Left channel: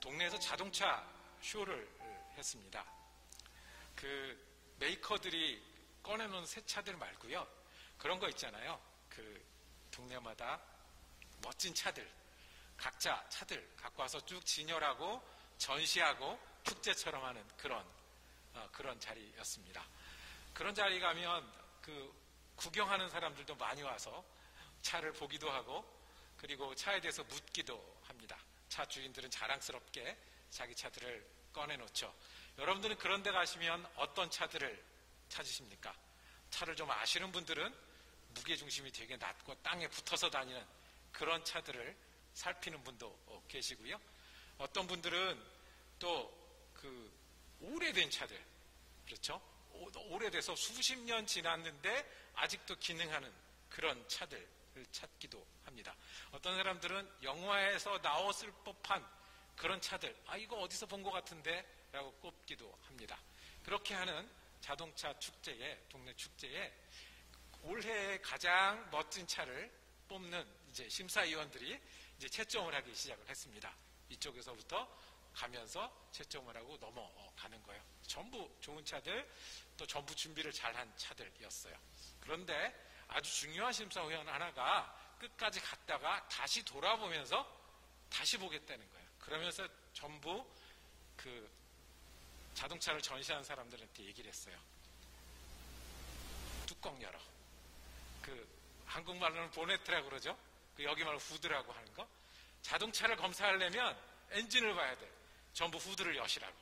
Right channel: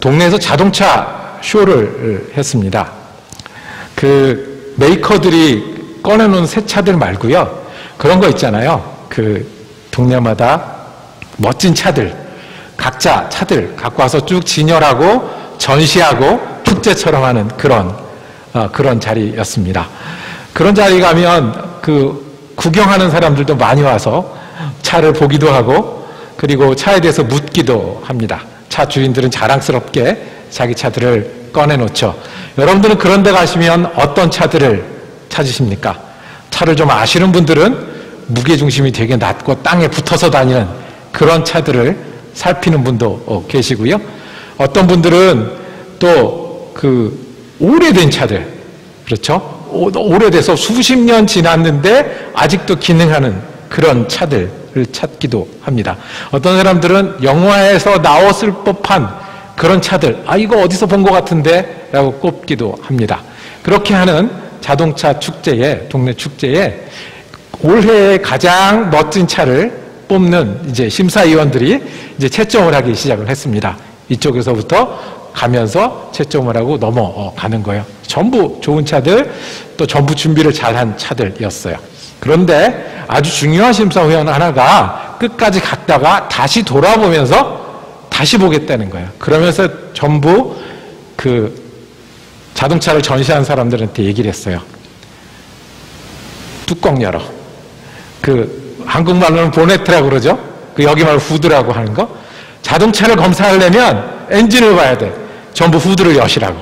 동네에서 자동차 쇼를 했습니다. 그 메이커들이 꺼내놓은 새 차들 말고요, 그런 거 있잖아요. 그 동네마다 멋진 차들, 각자 차들 갖고 와서 쭉 진열하고 전시하고 축제처럼 하는 그런 자리였습니다. 그런 자리 가면 그 구경하는 사람들도 많이 와서 차를 보기도 하고, 그리고 차에 대해서 묻기도 합니다. 차 주인들은 자랑스럽게 자기 차들을 꺼내놓죠. 여러분들은 그런 데 가시면 어떤 차들을 찾으십니까? 차를 좀 아시는 분들은 무게중심이 되게 낮고 땅에 붙어서 다니는 그런 차들을 살피는 분도 계시고요. 어떤 분들은 또 그 오래된 차들, 그렇죠? 오래돼서 수십 년 지났는데 아직도 기능하는 그런 차들을 찾기도 합니다. 어떤 사람들은 영화에서 나왔을 법한 그런 차들, 이거 어디서 본 것 같은데? 라고 꼽기도 합니다. 그렇게 하는 자동차 축제에, 동네 축제에 올해의 가장 멋진 차를 뽑는 이제 심사위원들이 이제 채점을 하기 시작을 했습니다. 이쪽에서부터 가면서 채점을 하고 넘어가는 거예요. 전부 좋은 차들, 또 전부 준비를 잘한 차들이었어요. 그런데 아주 중요한 심사위원 하나가 끝까지 갔다가 다시 돌아보면서 다시 보겠다는 거예요. 그러면서 전부 그 자동차를 전시한 사람들한테 얘기를 했어요. 뚜껑 열어. 그 한국말로는 보네트라고 그러죠. 그 여기 말 후드라고 하는 거. 자동차를 검사하려면 엔진을 봐야 돼. 전부 후드를 여시라고.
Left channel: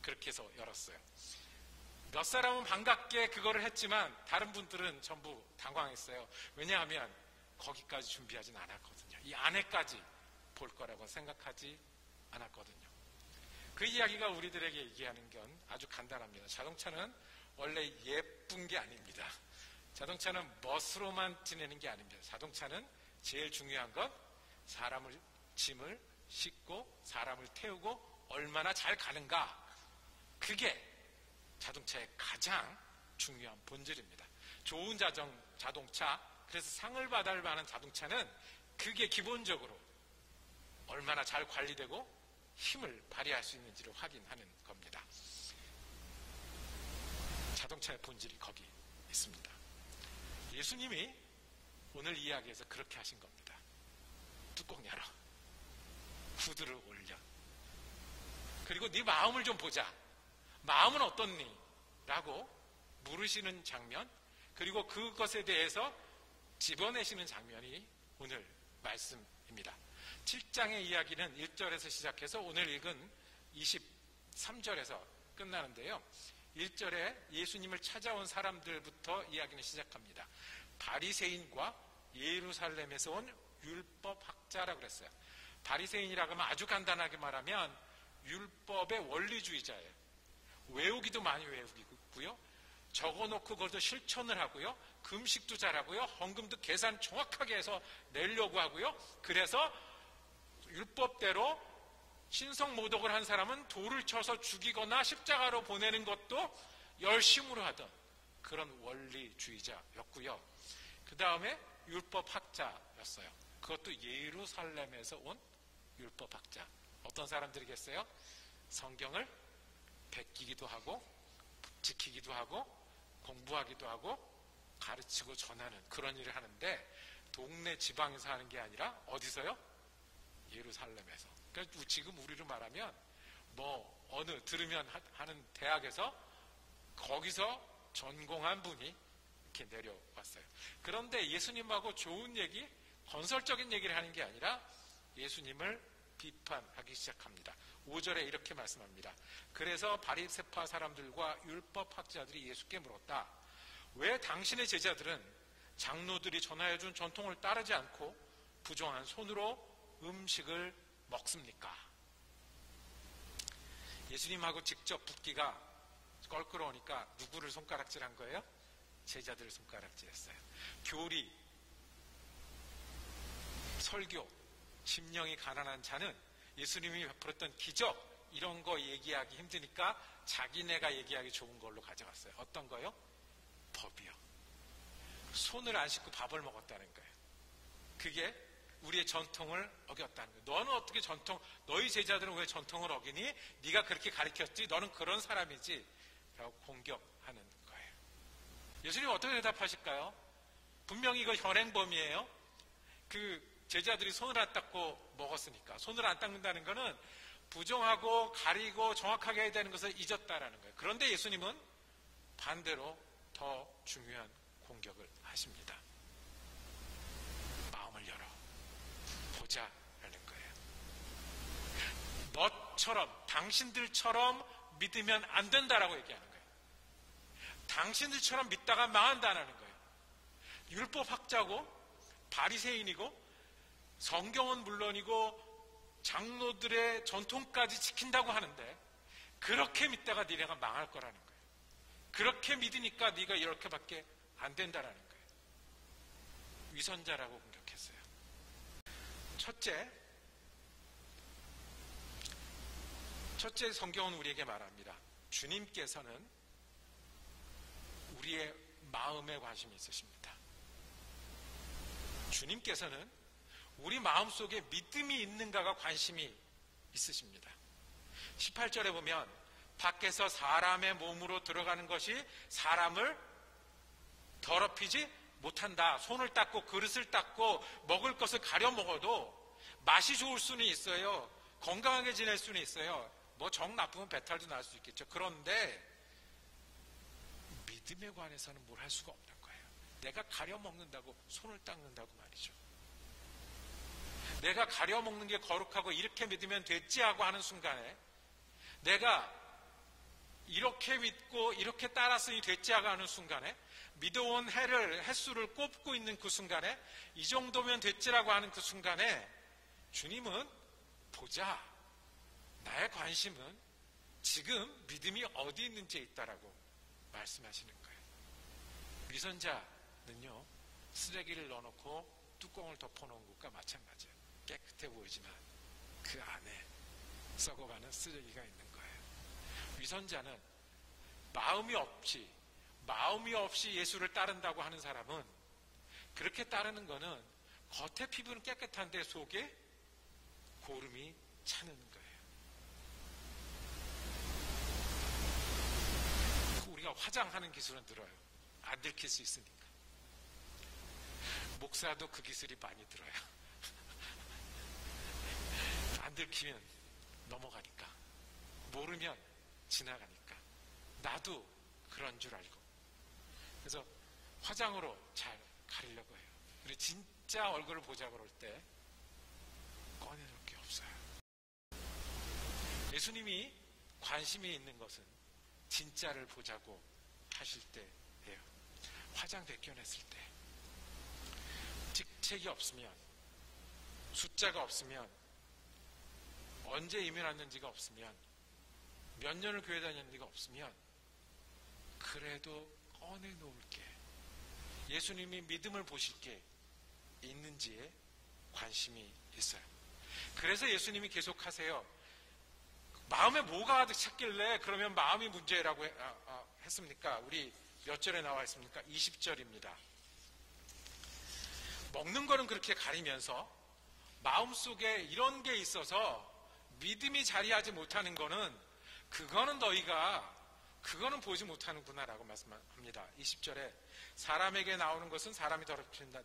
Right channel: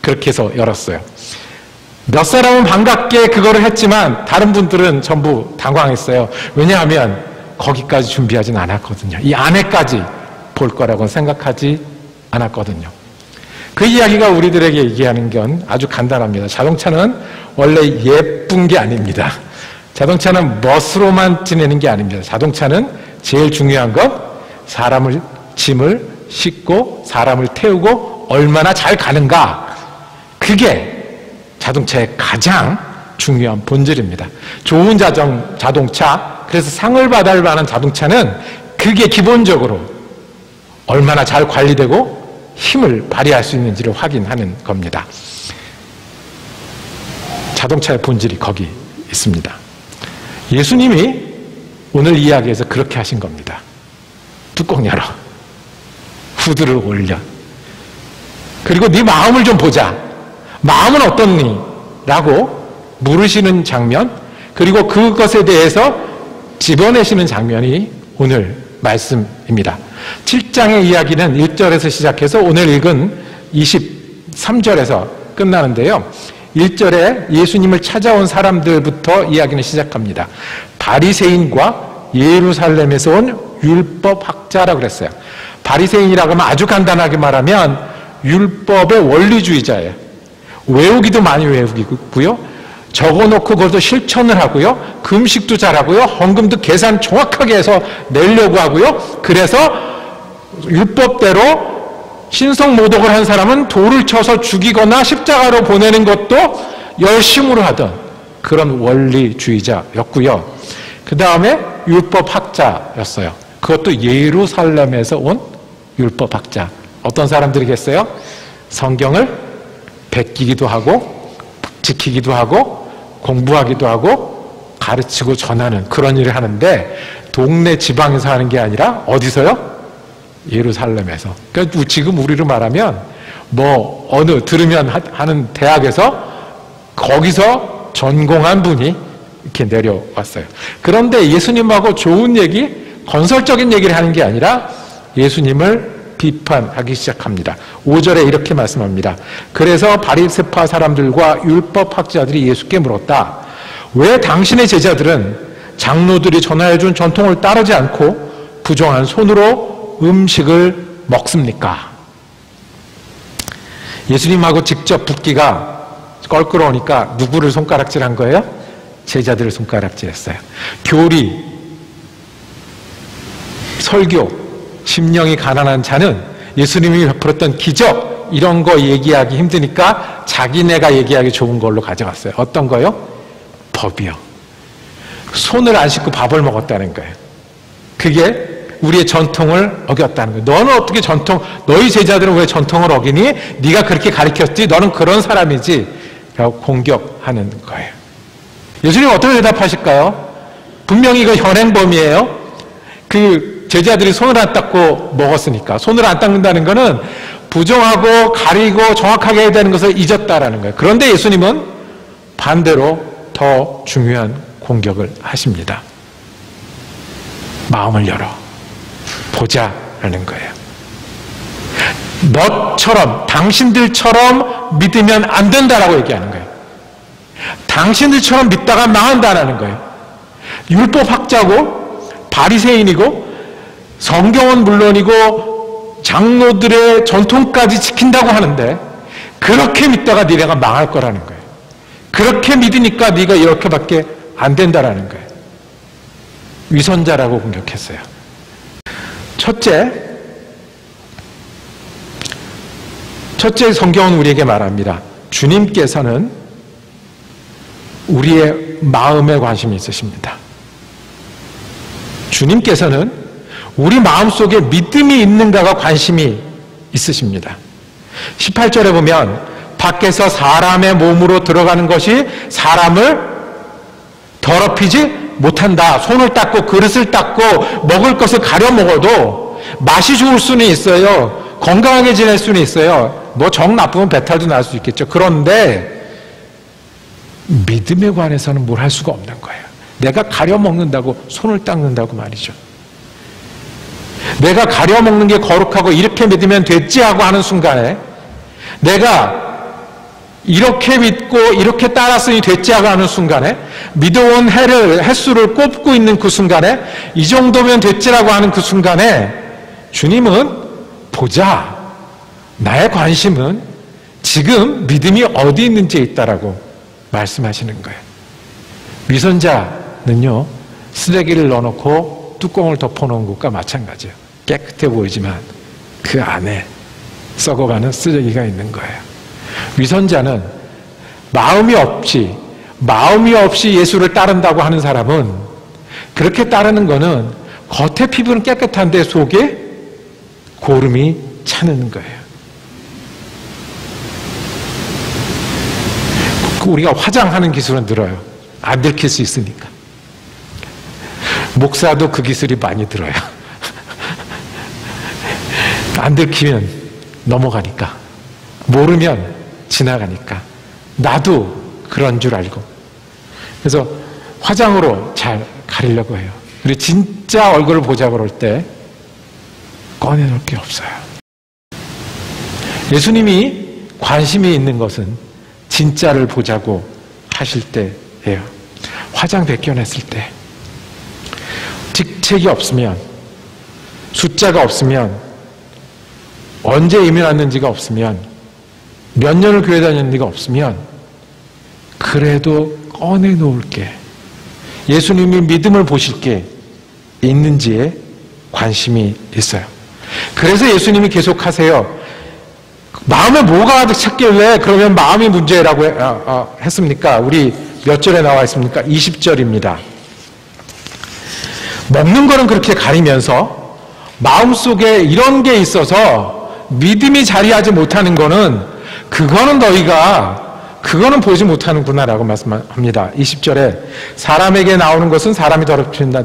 그렇게 해서 열었어요. 몇 사람은 반갑게 그거를 했지만 다른 분들은 전부 당황했어요. 왜냐하면 거기까지 준비하진 않았거든요. 이 안에까지 볼 거라고는 생각하지 않았거든요. 그 이야기가 우리들에게 얘기하는 건 아주 간단합니다. 자동차는 원래 예쁜 게 아닙니다. 자동차는 멋으로만 지내는 게 아닙니다. 자동차는 제일 중요한 건 사람을, 짐을 싣고 사람을 태우고 얼마나 잘 가는가. 그게 자동차의 가장 중요한 본질입니다. 좋은 자동차, 그래서 상을 받을 만한 자동차는 그게 기본적으로 얼마나 잘 관리되고 힘을 발휘할 수 있는지를 확인하는 겁니다. 자동차의 본질이 거기 있습니다. 예수님이 오늘 이야기에서 그렇게 하신 겁니다. 뚜껑 열어. 후드를 올려. 그리고 네 마음을 좀 보자. 마음은 어떻니? 라고 물으시는 장면, 그리고 그것에 대해서 집어내시는 장면이 오늘 말씀입니다. 7장의 이야기는 1절에서 시작해서 오늘 읽은 23절에서 끝나는데요. 1절에 예수님을 찾아온 사람들부터 이야기는 시작합니다. 바리새인과 예루살렘에서 온 율법학자라고 그랬어요. 바리새인이라고 하면 아주 간단하게 말하면 율법의 원리주의자예요. 외우기도 많이 외우고요. 적어놓고 그것도 실천을 하고요. 금식도 잘하고요. 헌금도 계산 정확하게 해서 내려고 하고요. 그래서 율법대로 신성모독을 한 사람은 돌을 쳐서 죽이거나 십자가로 보내는 것도 열심으로 하던 그런 원리주의자였고요. 그 다음에 율법학자였어요. 그것도 예루살렘에서 온 율법학자. 어떤 사람들이겠어요? 성경을 베끼기도 하고 지키기도 하고 공부하기도 하고 가르치고 전하는 그런 일을 하는데, 동네 지방에서 하는 게 아니라 어디서요? 예루살렘에서. 그러니까 지금 우리로 말하면 뭐 어느 들으면 하는 대학에서 거기서 전공한 분이 이렇게 내려왔어요. 그런데 예수님하고 좋은 얘기, 건설적인 얘기를 하는 게 아니라 예수님을 비판하기 시작합니다. 5절에 이렇게 말씀합니다. 그래서 바리새파 사람들과 율법학자들이 예수께 물었다. 왜 당신의 제자들은 장로들이 전하여준 전통을 따르지 않고 부정한 손으로 음식을 먹습니까? 예수님하고 직접 붙기가 껄끄러우니까 누구를 손가락질한 거예요? 제자들을 손가락질했어요. 교리, 설교, 심령이 가난한 자는 예수님이 베풀었던 기적, 이런 거 얘기하기 힘드니까 자기네가 얘기하기 좋은 걸로 가져갔어요. 어떤 거요? 법이요. 손을 안 씻고 밥을 먹었다는 거예요. 그게 우리의 전통을 어겼다는 거예요. 너는 어떻게 너희 제자들은 왜 전통을 어기니? 네가 그렇게 가르쳤지? 너는 그런 사람이지? 라고 공격하는 거예요. 예수님 어떻게 대답하실까요? 분명히 이거 현행범이에요. 그 제자들이 손을 안 닦고 먹었으니까. 손을 안 닦는다는 거는 부정하고 가리고 정확하게 해야 되는 것을 잊었다라는 거예요. 그런데 예수님은 반대로 더 중요한 공격을 하십니다. 마음을 열어 보자라는 거예요. 너처럼, 당신들처럼 믿으면 안 된다라고 얘기하는 거예요. 당신들처럼 믿다가 망한다라는 거예요. 율법학자고 바리새인이고 성경은 물론이고 장로들의 전통까지 지킨다고 하는데 그렇게 믿다가 니네가 망할 거라는 거예요. 그렇게 믿으니까 네가 이렇게밖에 안 된다라는 거예요. 위선자라고 공격했어요. 첫째 성경은 우리에게 말합니다. 주님께서는 우리의 마음에 관심이 있으십니다. 주님께서는 우리 마음속에 믿음이 있는가가 관심이 있으십니다. 18절에 보면 밖에서 사람의 몸으로 들어가는 것이 사람을 더럽히지 못한다. 손을 닦고 그릇을 닦고 먹을 것을 가려 먹어도 맛이 좋을 수는 있어요. 건강하게 지낼 수는 있어요. 뭐 정 나쁘면 배탈도 날 수 있겠죠. 그런데 믿음에 관해서는 뭘 할 수가 없는 거예요. 내가 가려 먹는다고 손을 닦는다고 말이죠. 내가 가려 먹는 게 거룩하고 이렇게 믿으면 됐지 하고 하는 순간에 내가 이렇게 믿고 이렇게 따랐으니 됐지 하고 하는 순간에 믿어온 횟수를 꼽고 있는 그 순간에 이 정도면 됐지라고 하는 그 순간에 주님은 보자. 나의 관심은 지금 믿음이 어디 있는지에 있다라고 말씀하시는 거예요. 위선자는요, 쓰레기를 넣어놓고 뚜껑을 덮어놓은 것과 마찬가지예요. 깨끗해 보이지만 그 안에 썩어가는 쓰레기가 있는 거예요. 위선자는 마음이 없이 예수를 따른다고 하는 사람은 그렇게 따르는 거는 겉의 피부는 깨끗한데 속에 고름이 차는 거예요. 우리가 화장하는 기술은 늘어요. 안 들킬 수 있으니까. 목사도 그 기술이 많이 들어요. 안 들키면 넘어가니까. 모르면 지나가니까. 나도 그런 줄 알고. 그래서 화장으로 잘 가리려고 해요. 그리고 진짜 얼굴을 보자 그럴 때 꺼내놓을 게 없어요. 예수님이 관심이 있는 것은 진짜를 보자고 하실 때예요. 화장 벗겨냈을 때, 직책이 없으면, 숫자가 없으면, 언제 이민 왔는지가 없으면, 몇 년을 교회 다녔는지가 없으면 그래도 꺼내놓을 게, 예수님이 믿음을 보실 게 있는지에 관심이 있어요. 그래서 예수님이 계속하세요. 마음에 뭐가 가득 찼길래 그러면 마음이 문제라고 했습니까? 우리 몇 절에 나와 있습니까? 20절입니다. 먹는 거는 그렇게 가리면서 마음속에 이런 게 있어서 믿음이 자리하지 못하는 거는 그거는 보지 못하는구나라고 말씀합니다. 20절에 사람에게 나오는 것은 사람이 더럽힌다.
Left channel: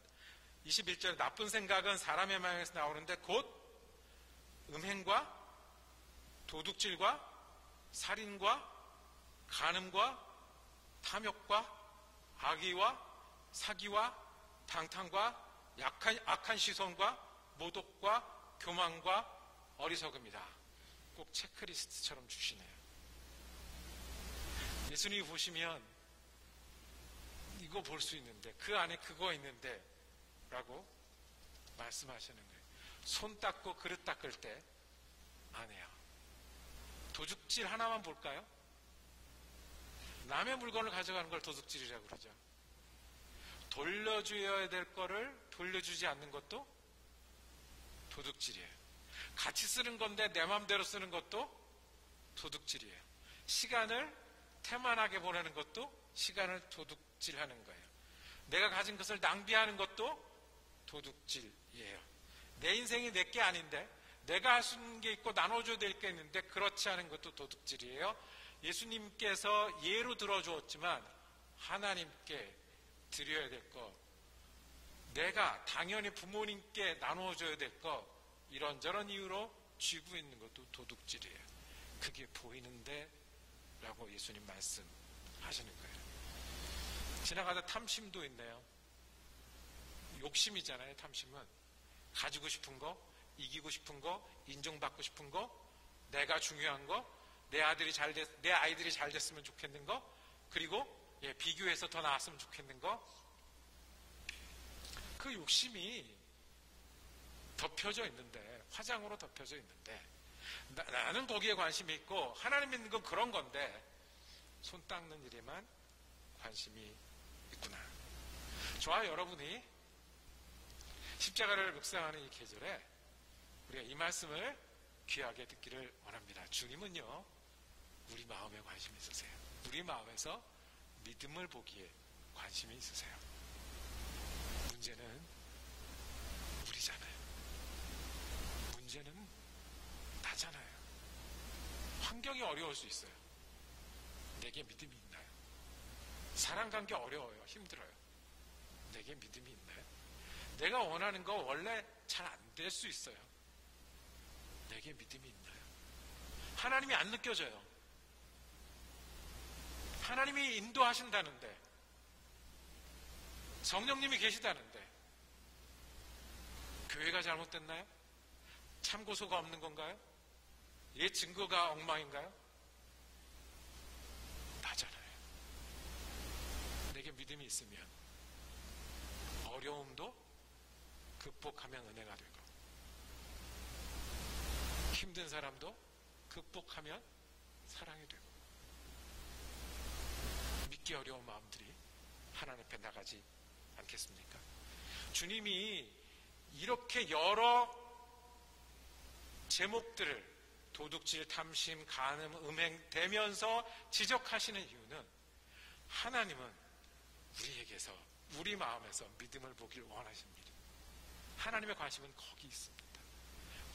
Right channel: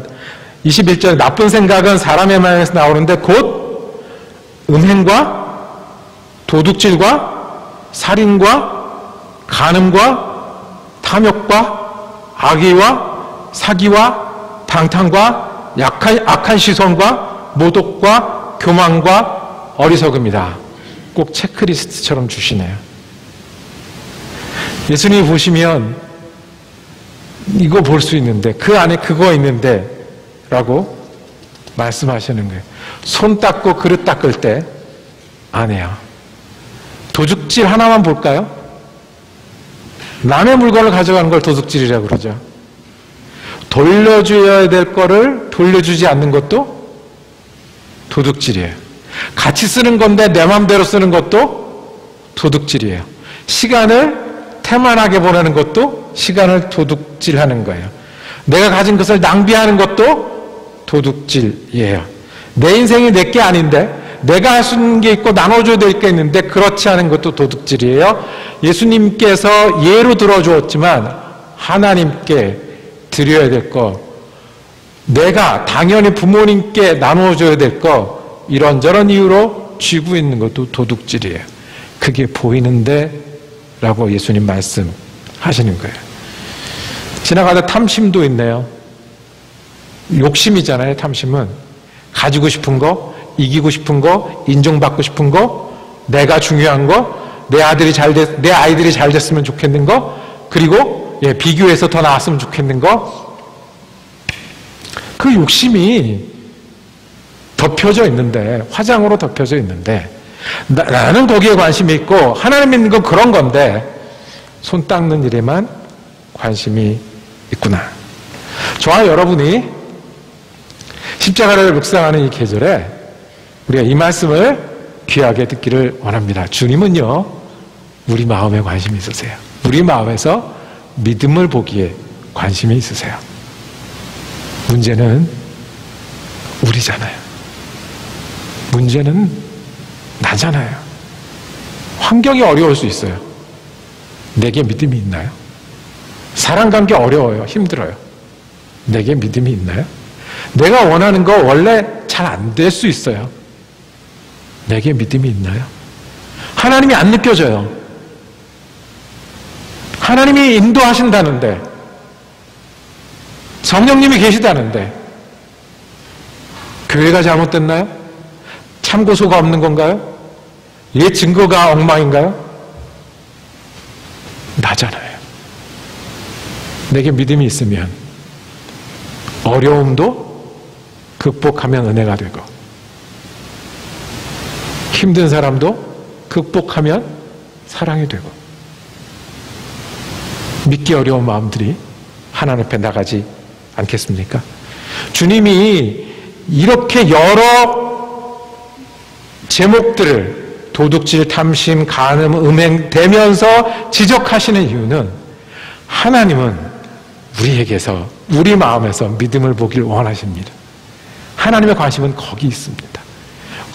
21절에 나쁜 생각은 사람의 마음에서 나오는데 곧 음행과 도둑질과 살인과 간음과 탐욕과 악의와 사기와 방탕과 악한 시선과 모독과 교만과 어리석음이다. 꼭 체크리스트처럼 주시네요. 예수님이 보시면 이거 볼 수 있는데 그 안에 그거 있는데 라고 말씀하시는 거예요. 손 닦고 그릇 닦을 때 안 해요. 도둑질 하나만 볼까요? 남의 물건을 가져가는 걸 도둑질이라고 그러죠. 돌려줘야 될 거를 돌려주지 않는 것도 도둑질이에요. 같이 쓰는 건데 내 마음대로 쓰는 것도 도둑질이에요. 시간을 태만하게 보내는 것도 시간을 도둑질하는 거예요. 내가 가진 것을 낭비하는 것도 도둑질이에요. 내 인생이 내 게 아닌데 내가 할 수 있는 게 있고 나눠줘야 될 게 있는데 그렇지 않은 것도 도둑질이에요. 예수님께서 예로 들어주었지만 하나님께 드려야 될 거, 내가 당연히 부모님께 나눠줘야 될 거, 이런저런 이유로 쥐고 있는 것도 도둑질이에요. 그게 보이는데 라고 예수님 말씀하시는 거예요. 지나가다 탐심도 있네요. 욕심이잖아요. 탐심은 가지고 싶은 거, 이기고 싶은 거, 인정받고 싶은 거, 내가 중요한 거, 내 아이들이 잘 됐으면 좋겠는 거, 그리고 비교해서 더 나았으면 좋겠는 거. 그 욕심이 덮여져 있는데, 화장으로 덮여져 있는데, 나는 거기에 관심이 있고 하나님 믿는 건 그런 건데 손 닦는 일에만 관심이 있구나. 저와 여러분이 십자가를 묵상하는 이 계절에 우리가 이 말씀을 귀하게 듣기를 원합니다. 주님은요, 우리 마음에 관심이 있으세요. 우리 마음에서 믿음을 보기에 관심이 있으세요. 문제는 우리잖아요. 문제는 나잖아요. 환경이 어려울 수 있어요. 내게 믿음이 있나요? 사랑관계 어려워요. 힘들어요. 내게 믿음이 있나요? 내가 원하는 거 원래 잘 안 될 수 있어요. 내게 믿음이 있나요? 하나님이 안 느껴져요. 하나님이 인도하신다는데, 성령님이 계시다는데 교회가 잘못됐나요? 참고소가 없는 건가요? 옛 증거가 엉망인가요? 나잖아요. 내게 믿음이 있으면 어려움도 극복하면 은혜가 되고, 힘든 사람도 극복하면 사랑이 되고, 믿기 어려운 마음들이 하나님 앞에 나가지 않겠습니까? 주님이 이렇게 여러 제목들을 도둑질, 탐심, 간음, 음행 대면서 지적하시는 이유는 하나님은 우리에게서, 우리 마음에서 믿음을 보길 원하십니다. 하나님의 관심은 거기 있습니다.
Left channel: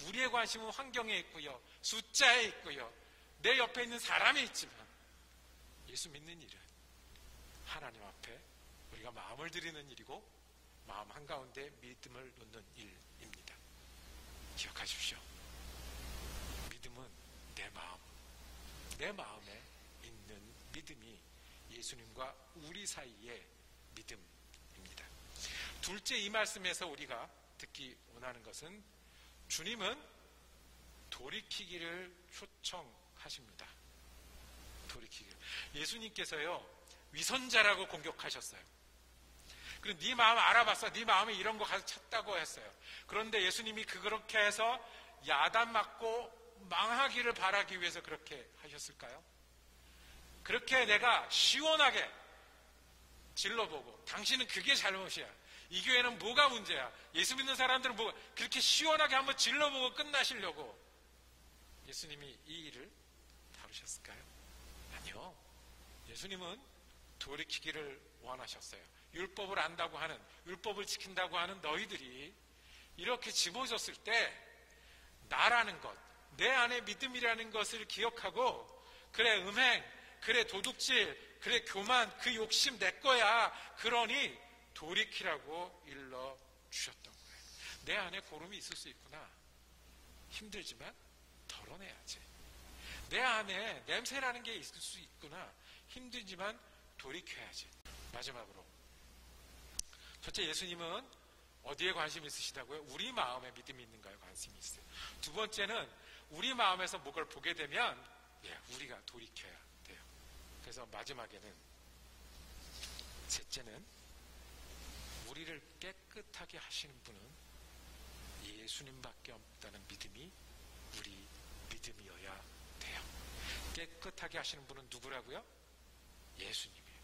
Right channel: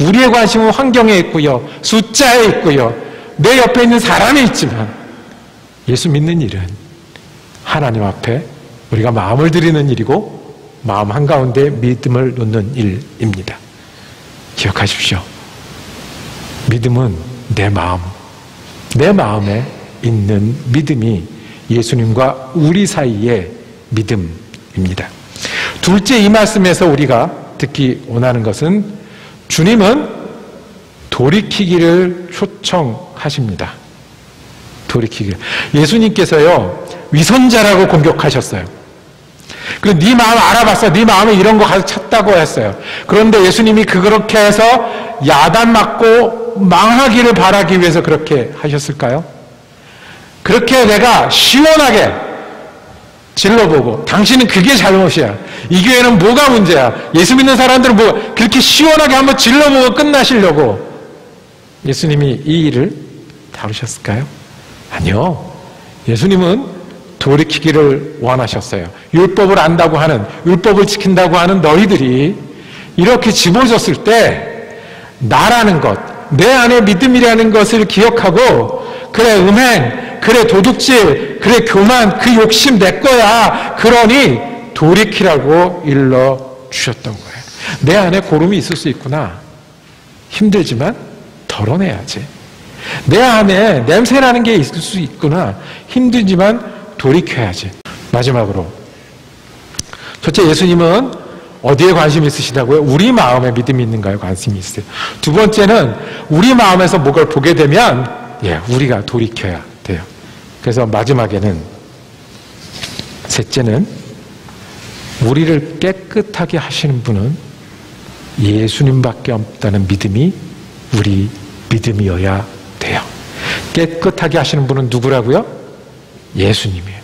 우리의 관심은 환경에 있고요, 숫자에 있고요, 내 옆에 있는 사람이 있지만 예수 믿는 일은 하나님 앞에 우리가 마음을 드리는 일이고 마음 한가운데 믿음을 놓는 일입니다. 기억하십시오. 믿음은 내 마음에 있는 믿음이 예수님과 우리 사이의 믿음입니다. 둘째, 이 말씀에서 우리가 듣기 원하는 것은 주님은 돌이키기를 초청하십니다. 돌이키기를. 예수님께서요, 위선자라고 공격하셨어요. 그리고 네 마음 알아봤어. 네 마음에 이런 거 가서 찾다고 했어요. 그런데 예수님이 그렇게 해서 야단 맞고 망하기를 바라기 위해서 그렇게 하셨을까요? 그렇게 내가 시원하게 질러보고, 당신은 그게 잘못이야, 이 교회는 뭐가 문제야, 예수 믿는 사람들은 뭐, 그렇게 시원하게 한번 질러보고 끝나시려고 예수님이 이 일을 다루셨을까요? 아니요. 예수님은 돌이키기를 원하셨어요. 율법을 안다고 하는, 율법을 지킨다고 하는 너희들이 이렇게 집어졌을 때 나라는 것, 내 안에 믿음이라는 것을 기억하고, 그래 음행, 그래 도둑질, 그래 교만, 그 욕심 내 거야, 그러니 돌이키라고 일러주셨던 거예요. 내 안에 고름이 있을 수 있구나, 힘들지만 덜어내야지. 내 안에 냄새나는 게 있을 수 있구나, 힘들지만 돌이켜야지. 마지막으로, 첫째, 예수님은 어디에 관심이 있으시다고요? 우리 마음에 믿음이 있는가요? 관심이 있어요. 두 번째는 우리 마음에서 뭐를 보게 되면 우리가 돌이켜야 돼요. 그래서 마지막에는, 셋째는 우리를 깨끗하게 하시는 분은 예수님밖에 없다는 믿음이 우리 믿음이어야 돼요. 깨끗하게 하시는 분은 누구라고요? 예수님이에요.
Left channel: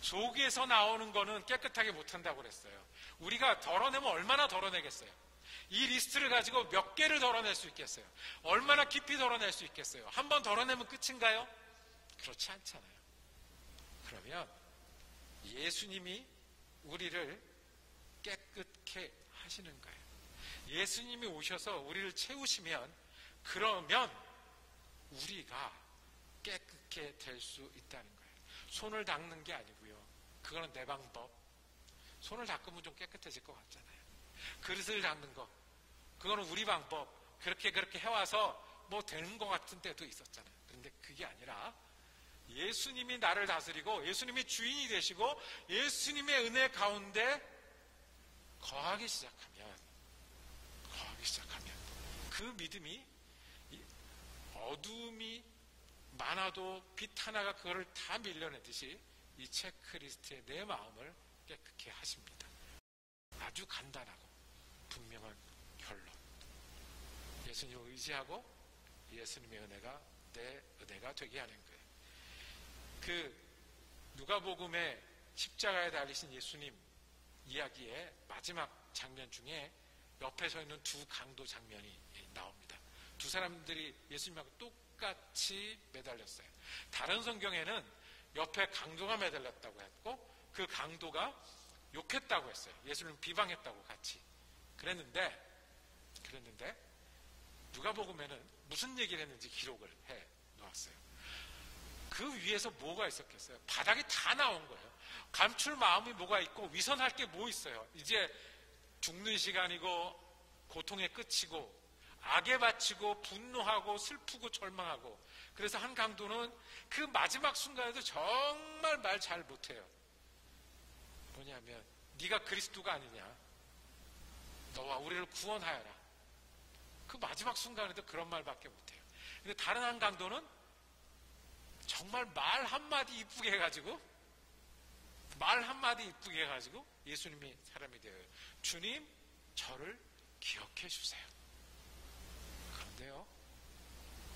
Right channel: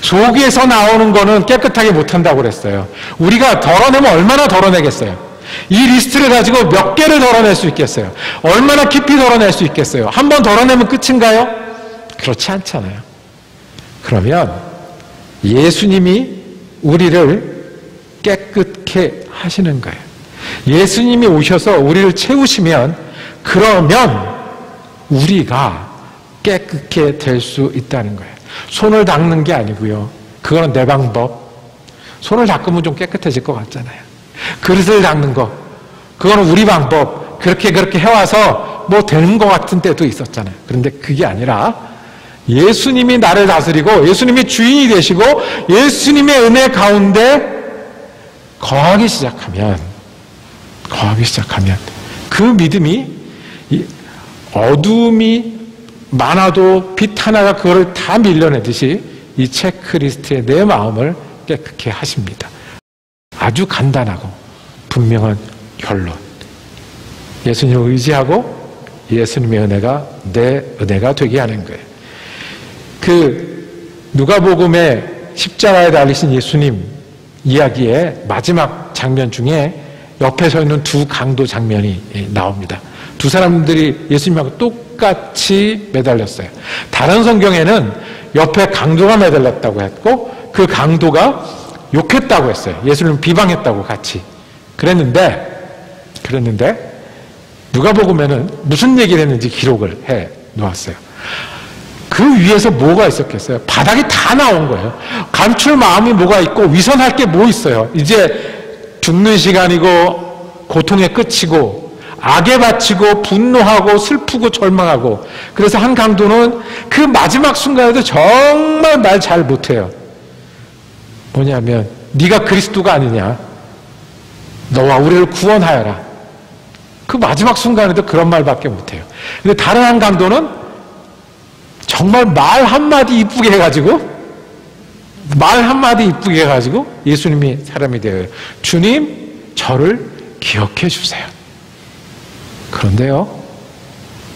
속에서 나오는 거는 깨끗하게 못한다고 그랬어요. 우리가 덜어내면 얼마나 덜어내겠어요? 이 리스트를 가지고 몇 개를 덜어낼 수 있겠어요? 얼마나 깊이 덜어낼 수 있겠어요? 한 번 덜어내면 끝인가요? 그렇지 않잖아요. 그러면 예수님이 우리를 깨끗게 하시는 거예요. 예수님이 오셔서 우리를 채우시면 그러면 우리가 깨끗게 될 수 있다는 거예요. 손을 닦는 게 아니고요. 그거는 내 방법. 손을 닦으면 좀 깨끗해질 것 같잖아요. 그릇을 닦는 거. 그거는 우리 방법. 그렇게 해와서 뭐 되는 것 같은 때도 있었잖아요. 그런데 그게 아니라 예수님이 나를 다스리고 예수님이 주인이 되시고 예수님의 은혜 가운데 거하기 시작하면 그 믿음이 어둠이 많아도 빛 하나가 그거를 다 밀려내듯이 이 체크리스트에 내 마음을 깨끗게 하십니다. 아주 간단하고 분명한 결론. 예수님을 의지하고 예수님의 은혜가 내 은혜가 되게 하는 거예요. 그 누가복음의 십자가에 달리신 예수님 이야기의 마지막 장면 중에 옆에 서 있는 두 강도 장면이 나옵니다. 두 사람들이 예수님하고 똑같이 매달렸어요. 다른 성경에는 옆에 강도가 매달렸다고 했고 그 강도가 욕했다고 했어요. 예수님을 비방했다고 같이. 그랬는데 누가복음에는 무슨 얘기를 했는지 기록을 해 놓았어요. 그 위에서 뭐가 있었겠어요? 바닥이 다 나온 거예요. 감출 마음이 뭐가 있고 위선할 게 뭐 있어요? 이제 죽는 시간이고 고통의 끝이고 악에 바치고 분노하고 슬프고 절망하고. 그래서 한 강도는 그 마지막 순간에도 정말 말 잘 못해요. 뭐냐면 네가 그리스도가 아니냐, 너와 우리를 구원하여라. 그 마지막 순간에도 그런 말밖에 못해요. 근데 다른 한 강도는 정말 말 한마디 이쁘게 해가지고 예수님이 사람이 되어요. 주님, 저를 기억해 주세요. 그런데요,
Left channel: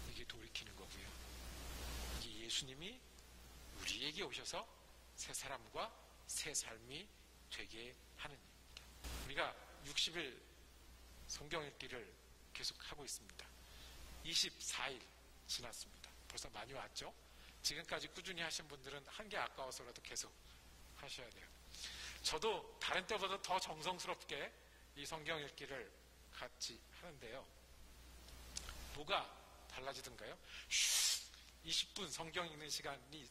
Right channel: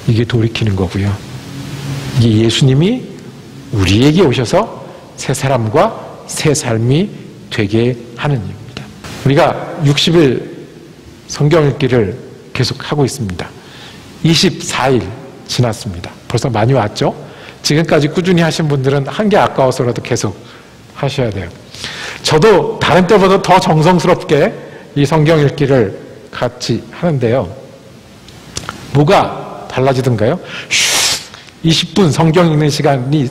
이게 돌이키는 거고요. 이게 예수님이 우리에게 오셔서 새 사람과 새 삶이 되게 하는 일입니다. 우리가 60일 성경 읽기를 계속 하고 있습니다. 24일 지났습니다. 벌써 많이 왔죠? 지금까지 꾸준히 하신 분들은 한 게 아까워서라도 계속 하셔야 돼요. 저도 다른 때보다 더 정성스럽게 이 성경 읽기를 같이 하는데요. 뭐가 달라지던가요? 20분 성경 읽는 시간이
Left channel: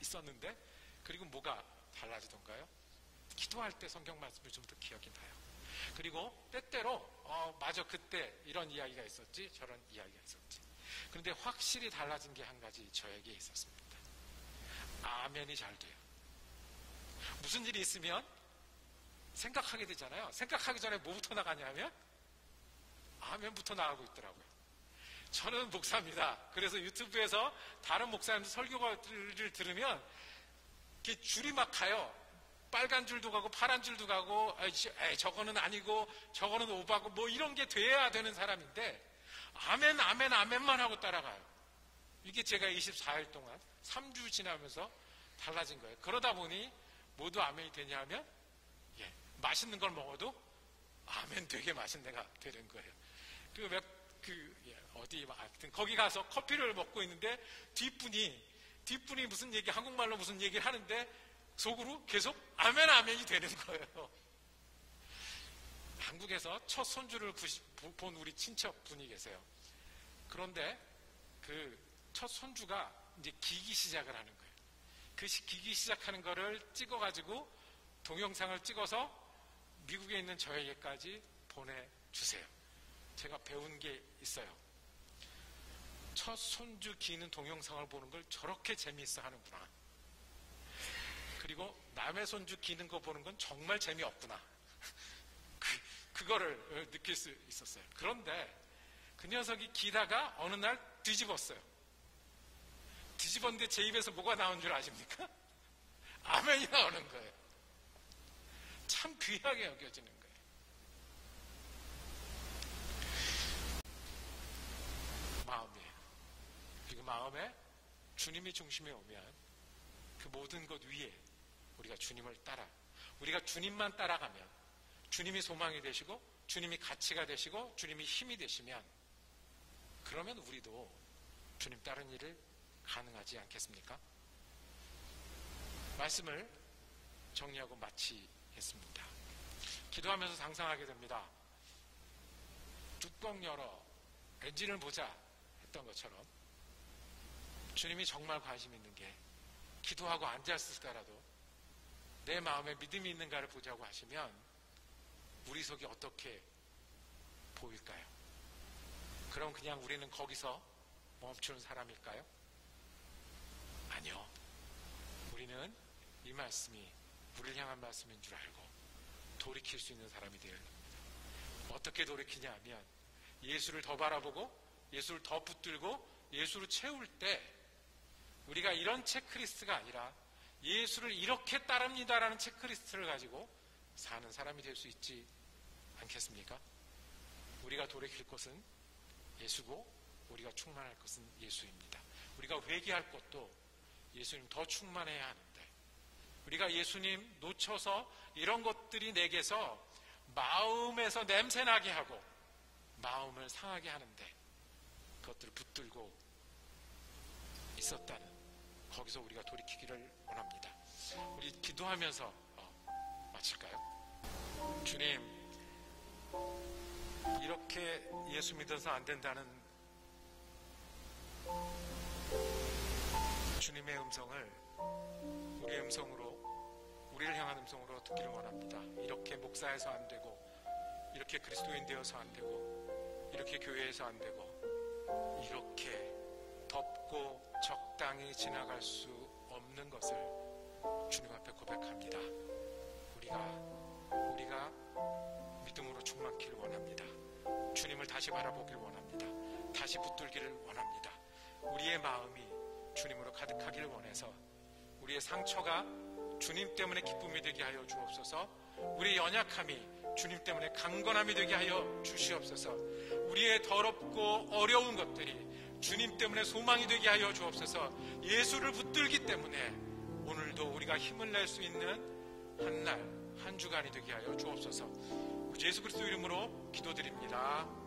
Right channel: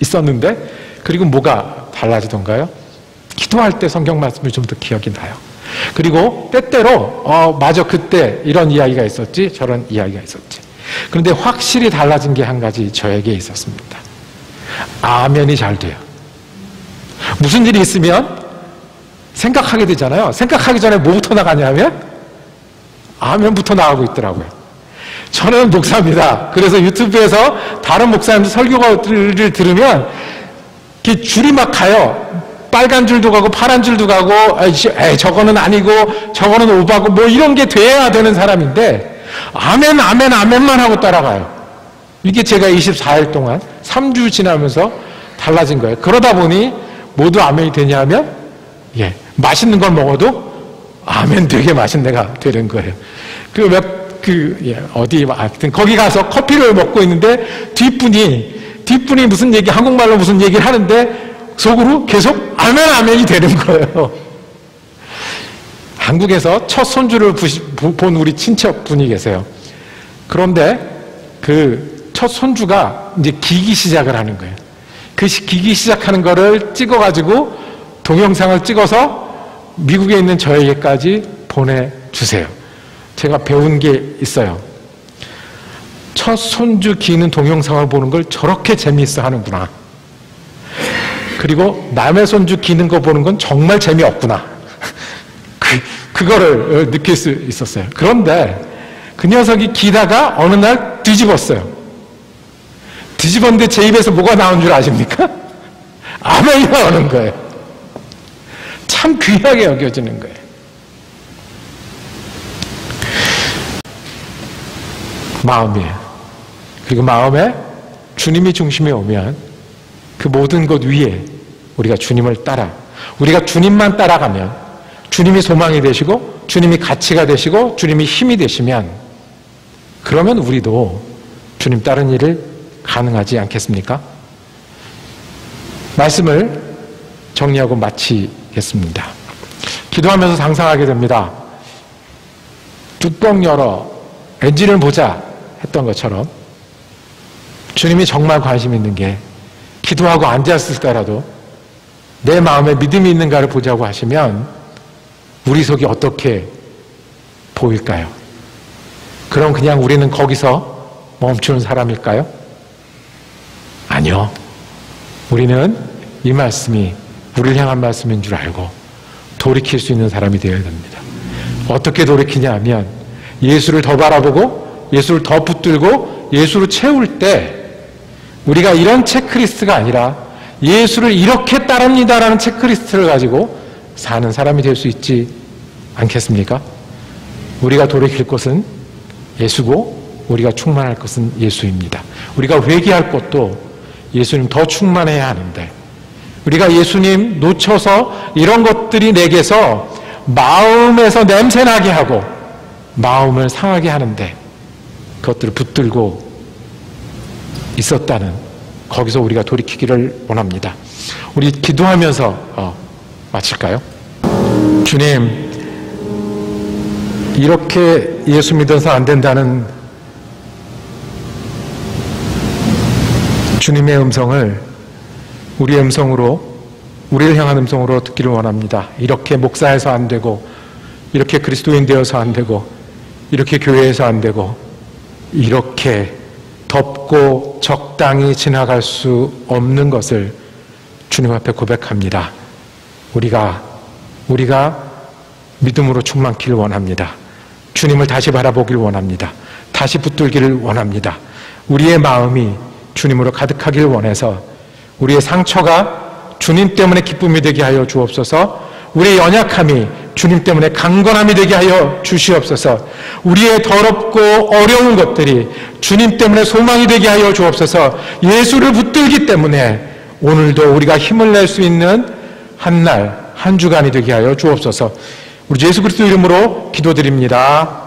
있었는데, 그리고 뭐가 달라지던가요? 기도할 때 성경 말씀이 좀 더 기억이 나요. 그리고 때때로 맞아, 그때 이런 이야기가 있었지, 저런 이야기가 있었지. 그런데 확실히 달라진 게 한 가지 저에게 있었습니다. 아멘이 잘 돼요. 무슨 일이 있으면 생각하게 되잖아요. 생각하기 전에 뭐부터 나가냐면 아멘부터 나가고 있더라고요. 저는 목사입니다. 그래서 유튜브에서 다른 목사님들 설교를 들으면 이렇게 줄이 막 가요. 빨간 줄도 가고 파란 줄도 가고, 저거는 아니고 저거는 오바고 뭐 이런 게 돼야 되는 사람인데 아멘 아멘 아멘만 하고 따라가요. 이게 제가 24일 동안 3주 지나면서 달라진 거예요. 그러다 보니 모두 아멘이 되냐면 맛있는 걸 먹어도 아멘 되게 맛있는 애가 되는 거예요. 하여튼 거기 가서 커피를 먹고 있는데 뒷분이 무슨 얘기, 한국말로 무슨 얘기를 하는데 속으로 계속 아멘 아멘이 되는 거예요. 한국에서 첫 손주를 본 우리 친척분이 계세요. 그런데 그 첫 손주가 이제 기기 시작을 하는 거예요. 그 기기 시작하는 거를 찍어가지고 동영상을 찍어서 미국에 있는 저에게까지 보내주세요. 제가 배운 게 있어요. 첫 손주 기는 동영상을 보는 걸 저렇게 재미있어 하는구나. 그리고 남의 손주 기는 거 보는 건 정말 재미없구나. 그거를 느낄 수 있었어요. 그런데 그 녀석이 기다가 어느 날 뒤집었어요. 뒤집었는데 제 입에서 뭐가 나온 줄 아십니까? 아멘이 나오는 거예요. 참 귀하게 여겨지는 거예요. 마음이에요. 그리고 마음에 주님이 중심에 오면 그 모든 것 위에 우리가 주님을 우리가 주님만 따라가면, 주님이 소망이 되시고 주님이 가치가 되시고 주님이 힘이 되시면, 그러면 우리도 주님 따른 일을 가능하지 않겠습니까? 말씀을 정리하고 마치겠습니다. 기도하면서 상상하게 됩니다. 뚜껑 열어 엔진을 보자 했던 것처럼 주님이 정말 관심 있는 게 기도하고 앉았을까라도 내 마음에 믿음이 있는가를 보자고 하시면 우리 속이 어떻게 보일까요? 그럼 그냥 우리는 거기서 멈추는 사람일까요? 아니요. 우리는 이 말씀이 우리를 향한 말씀인 줄 알고 돌이킬 수 있는 사람이 되어야 됩니다. 어떻게 돌이키냐 하면 예수를 더 바라보고 예수를 더 붙들고 예수를 채울 때 우리가 이런 체크리스트가 아니라 예수를 이렇게 따릅니다라는 체크리스트를 가지고 사는 사람이 될 수 있지 않겠습니까? 우리가 돌이킬 것은 예수고 우리가 충만할 것은 예수입니다. 우리가 회개할 것도 예수님 더 충만해야 하는데 우리가 예수님 놓쳐서 이런 것들이 내게서 마음에서 냄새나게 하고 마음을 상하게 하는데 그것들을 붙들고 있었다는 거기서 우리가 돌이키기를 원합니다. 우리 기도하면서 마칠까요? 주님, 이렇게 예수 믿어서 안 된다는 주님의 음성을 우리의 음성으로, 우리를 향한 음성으로 듣기를 원합니다. 이렇게 목사해서 안 되고, 이렇게 그리스도인 되어서 안 되고, 이렇게 교회에서 안 되고, 이렇게 덥고 적당히 지나갈 수 없는 것을 주님 앞에 고백합니다. 우리가 믿음으로 충만키를 원합니다. 주님을 다시 바라보기를 원합니다. 다시 붙들기를 원합니다. 우리의 마음이 주님으로 가득하기를 원해서 우리의 상처가 주님 때문에 기쁨이 되게 하여 주옵소서. 우리의 연약함이 주님 때문에 강건함이 되게 하여 주시옵소서. 우리의 더럽고 어려운 것들이 주님 때문에 소망이 되게 하여 주옵소서. 예수를 붙들기 때문에 오늘도 우리가 힘을 낼 수 있는 한 날, 한 주간이 되게 하여 주옵소서. 우리 예수 그리스도 이름으로 기도드립니다.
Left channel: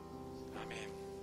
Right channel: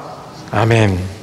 아멘.